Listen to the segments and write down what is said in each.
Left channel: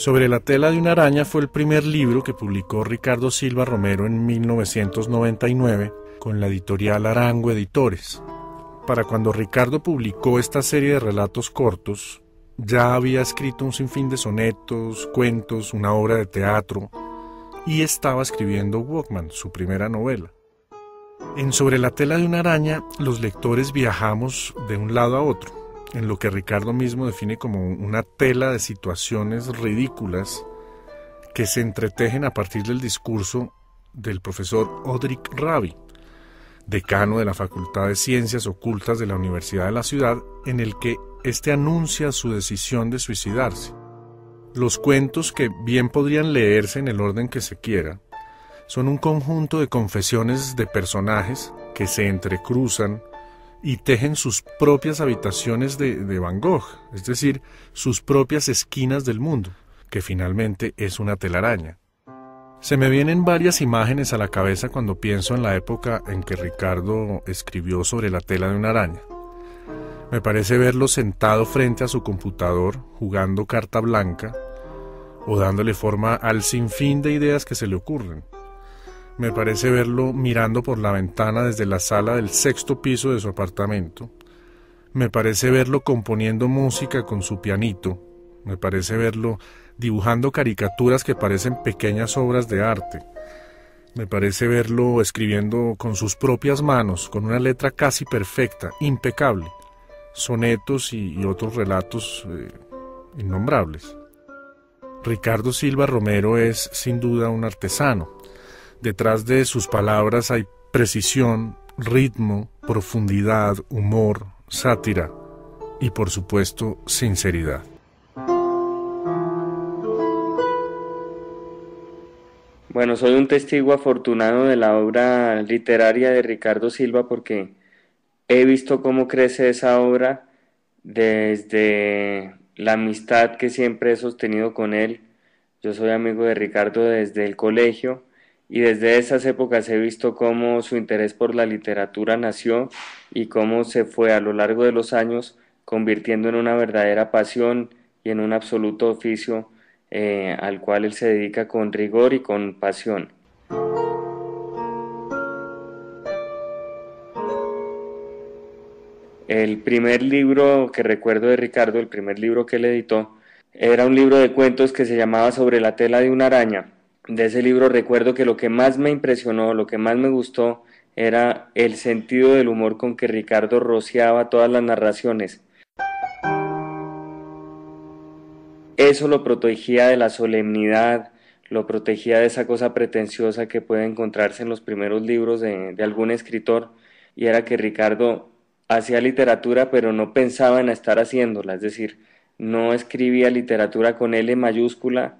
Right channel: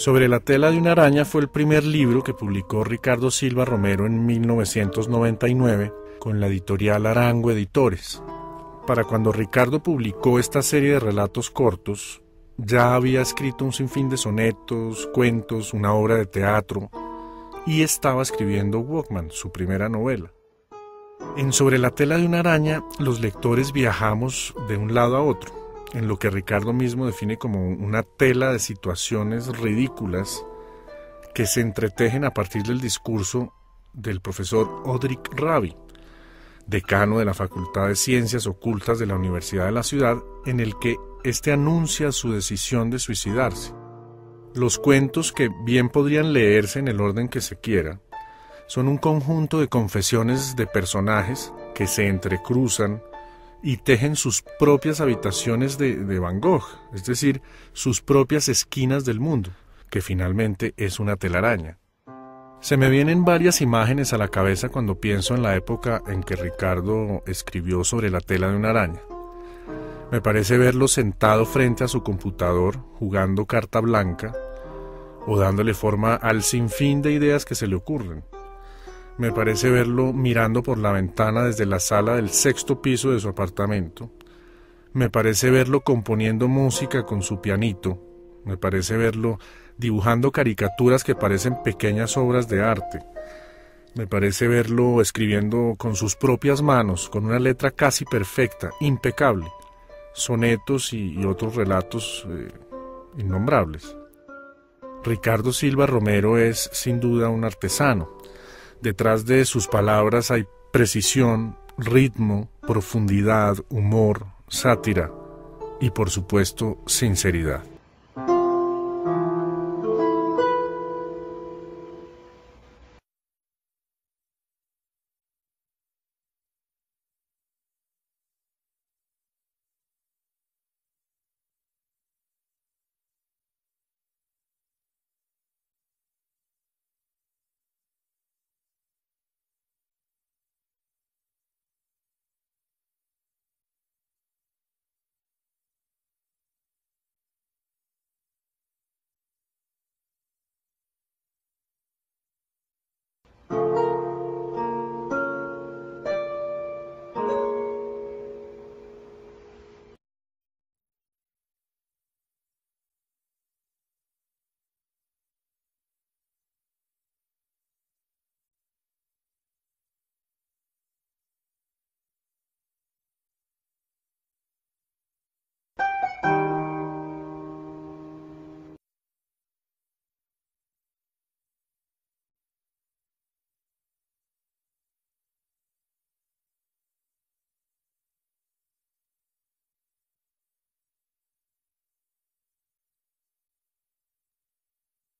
Sobre la tela de una araña fue el primer libro que publicó Ricardo Silva Romero en 1999 con la editorial Arango Editores. Para cuando Ricardo publicó esta serie de relatos cortos, ya había escrito un sinfín de sonetos, cuentos, una obra de teatro y estaba escribiendo Walkman, su primera novela. En Sobre la tela de una araña, los lectores viajamos de un lado a otro, en lo que Ricardo mismo define como una tela de situaciones ridículas que se entretejen a partir del discurso del profesor Odrik Rabi, decano de la Facultad de Ciencias Ocultas de la Universidad de la Ciudad, en el que éste anuncia su decisión de suicidarse. Los cuentos, que bien podrían leerse en el orden que se quiera, son un conjunto de confesiones de personajes que se entrecruzan y tejen sus propias habitaciones de Van Gogh, es decir, sus propias esquinas del mundo, que finalmente es una telaraña. Se me vienen varias imágenes a la cabeza cuando pienso en la época en que Ricardo escribió Sobre la tela de una araña. Me parece verlo sentado frente a su computador, jugando carta blanca, o dándole forma al sinfín de ideas que se le ocurren. Me parece verlo mirando por la ventana desde la sala del 6º piso de su apartamento. Me parece verlo componiendo música con su pianito. Me parece verlo dibujando caricaturas que parecen pequeñas obras de arte. Me parece verlo escribiendo con sus propias manos, con una letra casi perfecta, impecable, sonetos y otros relatos innombrables. Ricardo Silva Romero es sin duda un artesano. Detrás de sus palabras hay precisión, ritmo, profundidad, humor, sátira y, por supuesto, sinceridad. Bueno, soy un testigo afortunado de la obra literaria de Ricardo Silva porque he visto cómo crece esa obra desde la amistad que siempre he sostenido con él. Yo soy amigo de Ricardo desde el colegio y desde esas épocas he visto cómo su interés por la literatura nació y cómo se fue a lo largo de los años convirtiendo en una verdadera pasión y en un absoluto oficio al cual él se dedica con rigor y con pasión. El primer libro que recuerdo de Ricardo, el primer libro que él editó, era un libro de cuentos que se llamaba Sobre la tela de una araña. De ese libro recuerdo que lo que más me impresionó, lo que más me gustó, era el sentido del humor con que Ricardo rociaba todas las narraciones. Eso lo protegía de la solemnidad, lo protegía de esa cosa pretenciosa que puede encontrarse en los primeros libros de algún escritor, y era que Ricardo hacía literatura pero no pensaba en estar haciéndola, es decir, no escribía literatura con L mayúscula,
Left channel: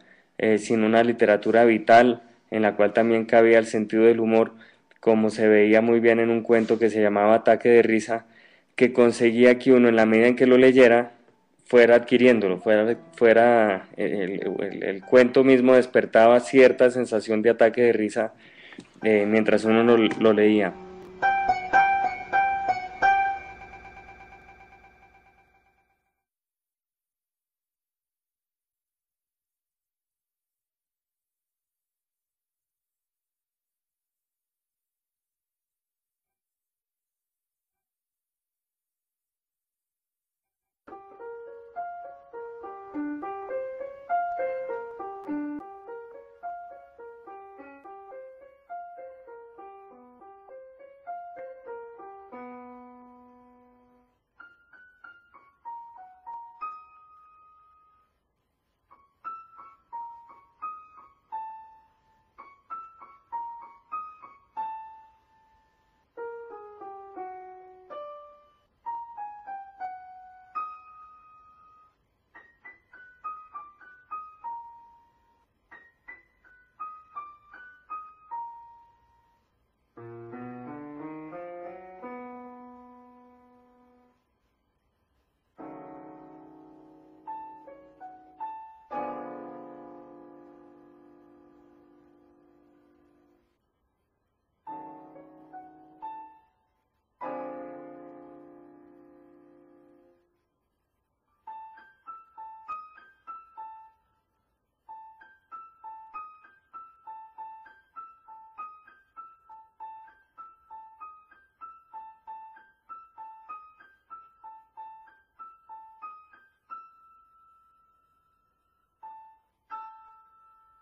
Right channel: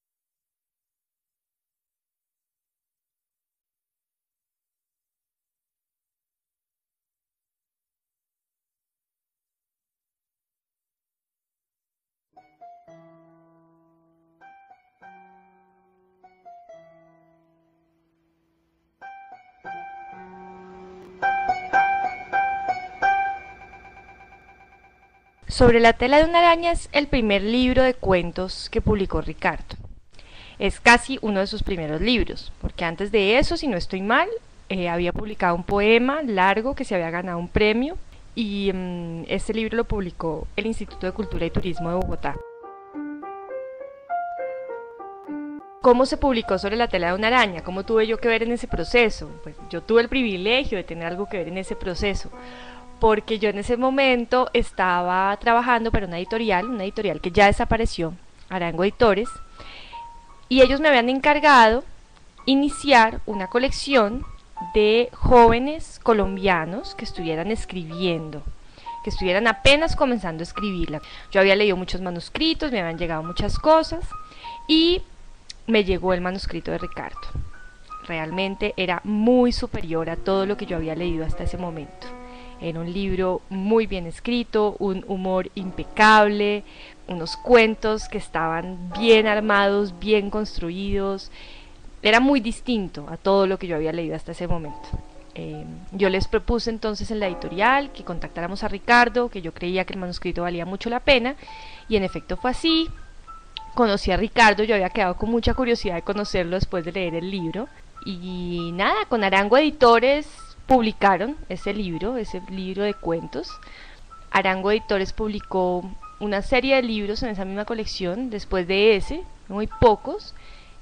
sino una literatura vital en la cual también cabía el sentido del humor, como se veía muy bien en un cuento que se llamaba Ataque de risa, que conseguía que uno en la medida en que lo leyera fuera adquiriéndolo, el cuento mismo despertaba cierta sensación de ataque de risa mientras uno lo leía. Sobre la tela de una araña es el primer libro de cuentos que publicó Ricardo. Es casi uno de sus primeros libros, porque antes de eso, si no estoy mal, había publicado un poema largo que se había ganado un premio y este libro lo publicó el Instituto de Cultura y Turismo de Bogotá. ¿Cómo se publicó Sobre la tela de una araña? ¿Cómo tuve yo que ver en ese proceso? Pues yo tuve el privilegio de tener algo que ver en ese proceso, porque yo en ese momento estaba trabajando para una editorial que ya desapareció, Arango Editores, y ellos me habían encargado iniciar una colección de jóvenes colombianos que estuvieran escribiendo, que estuvieran apenas comenzando a escribirla. Yo había leído muchos manuscritos, me habían llegado muchas cosas y me llegó el manuscrito de Ricardo. Realmente era muy superior a todo lo que yo había leído hasta ese momento. Era un libro muy bien escrito, un humor impecable, unos cuentos que estaban bien armados, bien construidos. Era muy distinto a todo lo que yo había leído hasta ese momento. Yo les propuse entonces en la editorial que contactáramos a Ricardo, que yo creía que el manuscrito valía mucho la pena, y en efecto fue así. conocí a Ricardo, yo había quedado con mucha curiosidad de conocerlo después de leer el libro. Y nada, con Arango Editores publicaron ese libro de cuentos. Arango Editores publicó una serie de libros en esa misma colección, después de ese, muy pocos.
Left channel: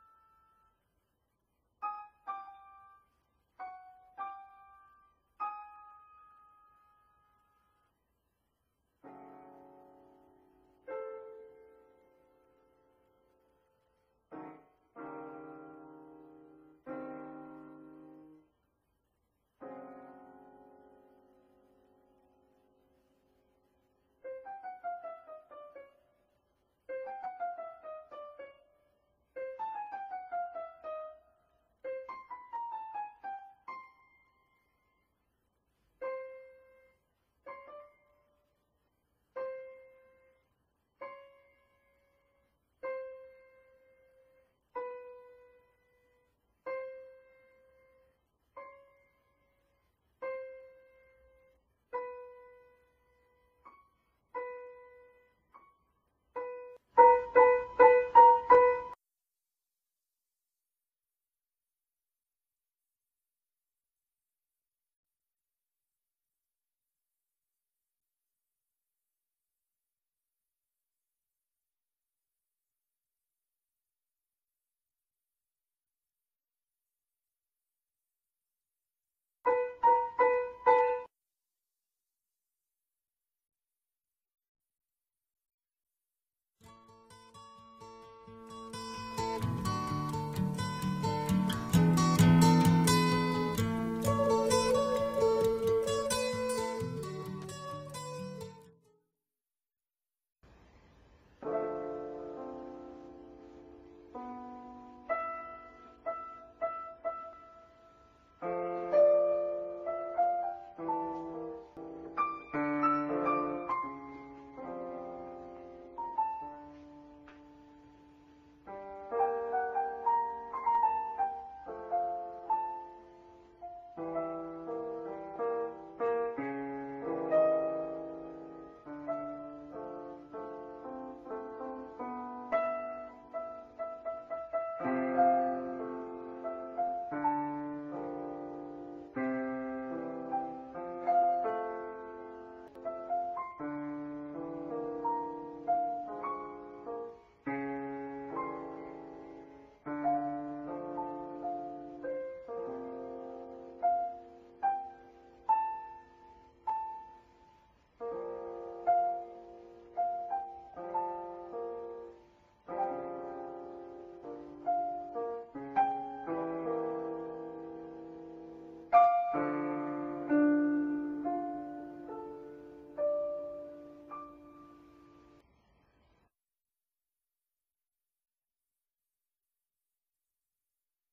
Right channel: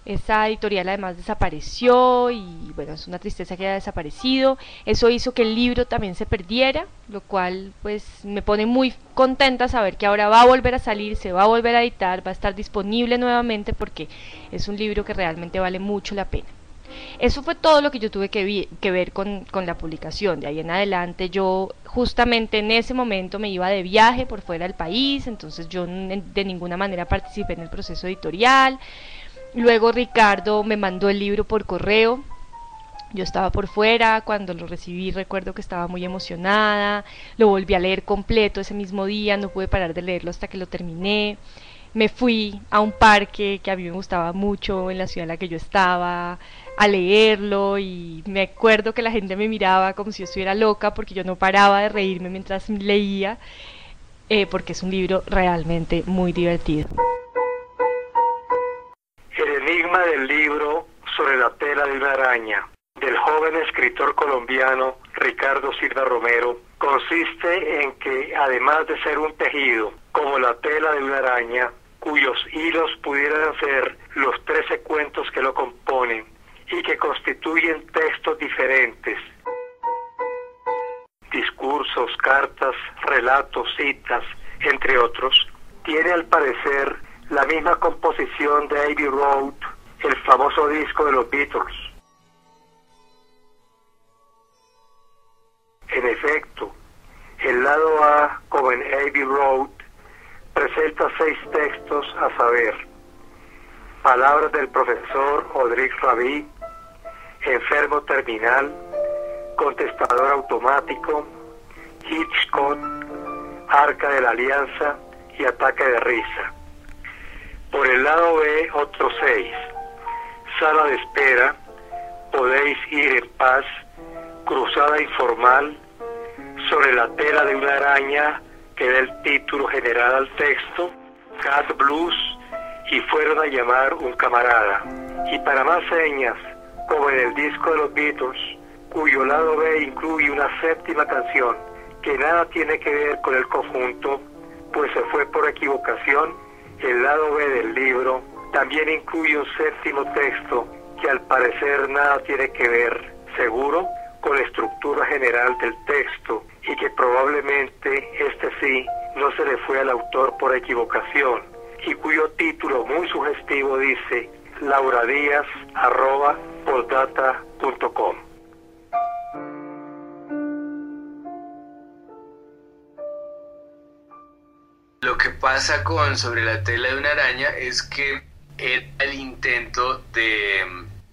Esa editorial además desapareció y bueno, es una tristeza que haya desaparecido. Eso hizo que el libro también se perdiera, lo cual pues me pone muy contenta saber que ahora va a volver a salir, se va a volver a editar, va a estar disponible nuevamente porque es un libro que realmente vale mucho la pena. Eso fue todo lo que yo tuve que ver con la publicación. De ahí en adelante yo justamente en ese momento me iba de viaje por fuera del país, entonces yo de ninguna manera participé en el proceso editorial. Luego Ricardo me mandó el libro por correo. Yo estaba por fuera, cuando lo recibí recuerdo que estaba muy emocionada, lo volví a leer completo ese mismo día, no pude parar de leerlo hasta que lo terminé. Me fui a un parque que a mí me gustaba mucho en la ciudad en la que yo estaba a leerlo y me acuerdo que la gente me miraba como si yo estuviera loca porque yo no paraba de reírme mientras leía, porque es un libro realmente muy divertido. El enigma del libro sobre la tela de una araña, del joven escritor colombiano Ricardo Silva Romero, consiste en que, además de ser un tejido, como la tela de una araña, cuyos hilos pudieran ser los 13 cuentos que lo componen y que constituyen textos diferentes, discursos, cartas, relatos, citas, entre otros, tiene al parecer la misma composición de Abbey Road, el famoso disco de los Beatles. En efecto, el lado A, como en Abbey Road, presenta 6 textos a saber: Palabras del profesor Audric Rabi, Enfermo terminal, Contestador automático, Hitchcock, Arca de la Alianza y Ataque de risa. Por el lado B, otros 6: Sala de espera, Podéis ir en paz, Cruzada informal, Sobre la tela de una araña, que da el título general al texto, Cat Blues y Fueron a llamar un camarada. Y para más señas, como en el disco de los Beatles, cuyo lado B incluye una 7ª canción que nada tiene que ver con el conjunto, pues se fue por equivocación, el lado B del libro también incluye un 7º texto que al parecer nada tiene que ver, seguro, con la estructura general del texto y que probablemente este sí no se le fue al autor por equivocación y cuyo título muy sugestivo dice lauradiaz@postdata.com. Lo que pasa con Sobre la tela de una araña es que era el intento de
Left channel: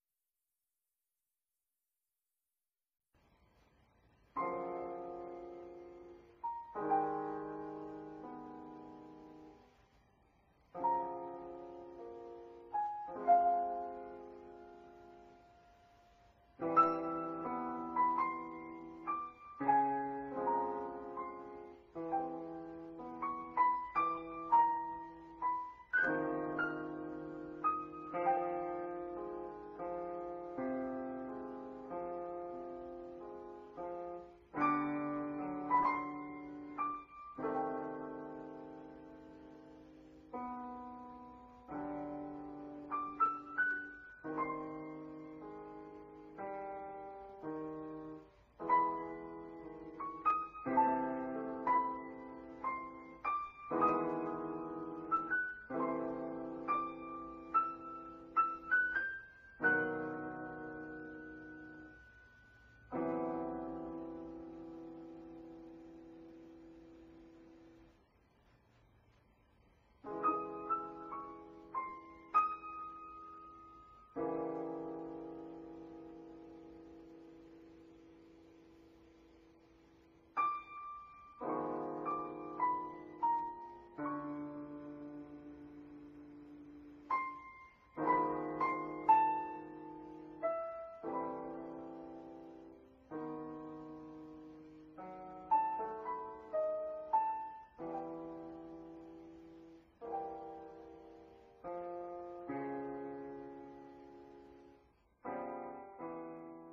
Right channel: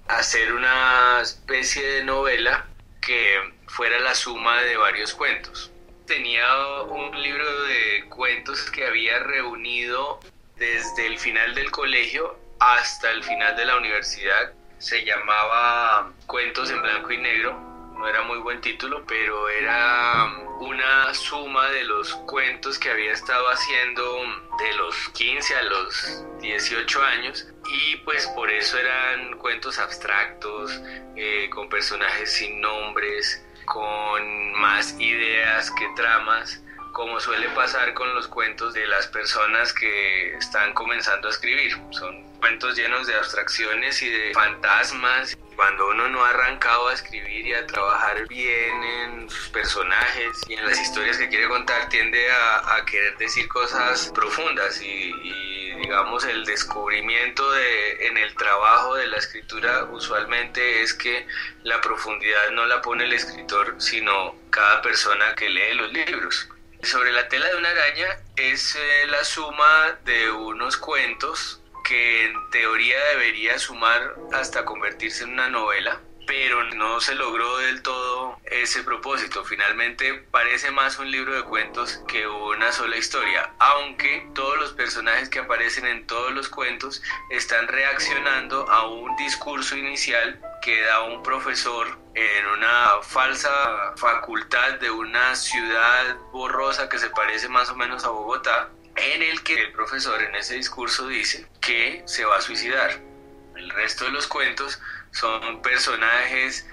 hacer una especie de novela que fuera la suma de varios cuentos. Tenía un libro de cuentos que había reunido desde el final del colegio hasta el final de la universidad. Se llamaba Cuentos en blanco y negro. No era muy buen título, pero era una suma de los cuentos que había estado haciendo de los 15 a los 18 años y pues por eso eran cuentos abstractos, con personajes sin nombres, con más ideas que tramas, como suele pasar con los cuentos de las personas que están comenzando a escribir. Son cuentos llenos de abstracciones y de fantasmas. Cuando uno no ha arrancado a escribir y a trabajar bien en sus personajes y en las historias que quiere contar, tiende a querer decir cosas profundas y digamos el descubrimiento en el trabajo de la escritura usualmente es que la profundidad no la pone el escritor, sino cada persona que lee los libros. Sobre la tela de una araña es la suma de unos cuentos que en teoría debería sumar hasta convertirse en una novela, pero no se logró del todo ese propósito. Finalmente parece más un libro de cuentos que una sola historia, aunque todos los personajes que aparecen en todos los cuentos están reaccionando a un discurso inicial que da un profesor en una falsa facultad de una ciudad borrosa que se parece más o menos a Bogotá, en el que el profesor en ese discurso dice que se va a suicidar. El resto de los cuentos son personajes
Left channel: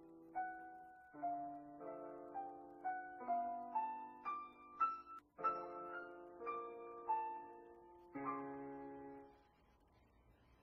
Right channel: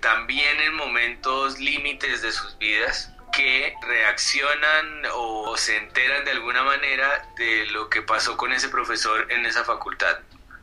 también en momentos límites de sus vidas que reaccionan o se enteran de alguna manera de lo que pasó con ese profesor en esa facultad.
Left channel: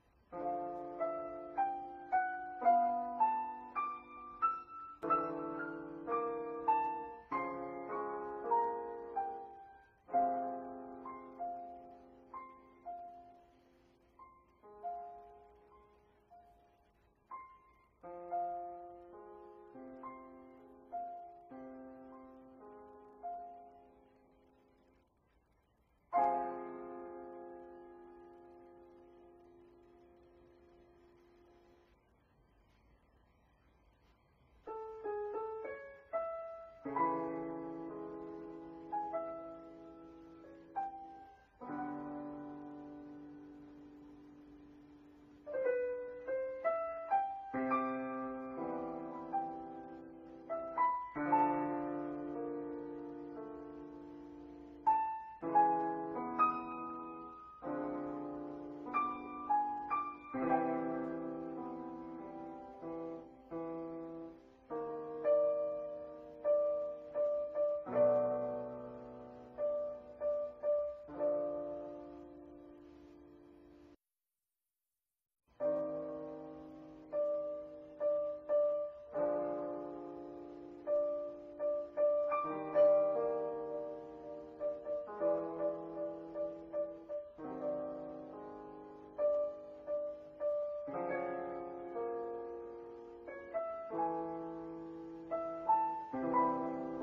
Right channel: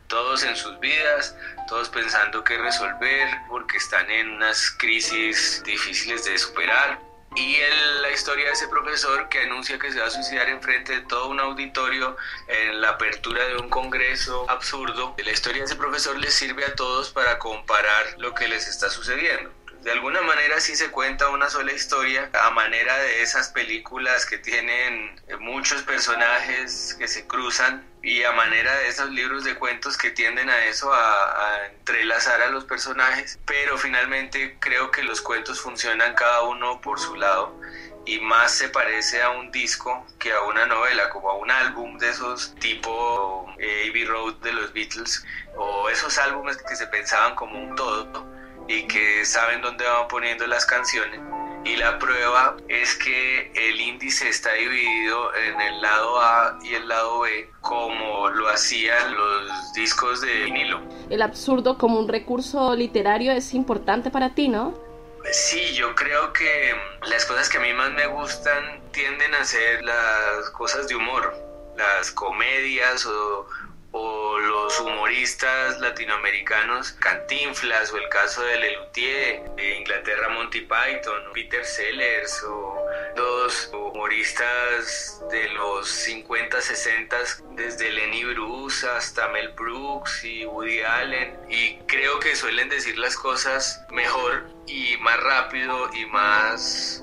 Todos en sus vidas, todos pensando qué resolver porque están en unas crisis difíciles de superar. Y la historia de ese profesor que anuncia que se va a suicidar enfrente de todo un auditorio en la apertura de un congreso absurdo. La historia de ese profesor les sirve a todos para comparar lo que les está sucediendo. De alguna manera sí se cuenta una sola historia a manera de esas películas que tienen muchos personajes que se cruzan y a manera de esos libros de cuentos que tienden a eso, a entrelazar a los personajes, pero finalmente creo que los cuentos funcionan cada uno por su lado y más se parece a un disco que a una novela, como a un álbum de esos tipo Abbey Road de los Beatles, o esos álbumes que se pensaban como un todo y que saben dónde van poniendo las canciones. Y la prueba es que el índice está dividido en el lado A y el lado B, como lo hacían los discos de vinilo. El absurdo como un recurso literario es importante para ti, ¿no? Sí, yo creo que las cosas que a mí más me gustan tienden a ser las cosas de humor, las comedias o los humoristas latinoamericanos, Cantinflas, o el caso de Lelutier, de Inglaterra Monty Python, Peter Sellers, o los humoristas de los 50, 60, desde Lenny Bruce hasta Mel Brooks y Woody Allen, y creo que suelen decir las cosas mejor y más rápido y más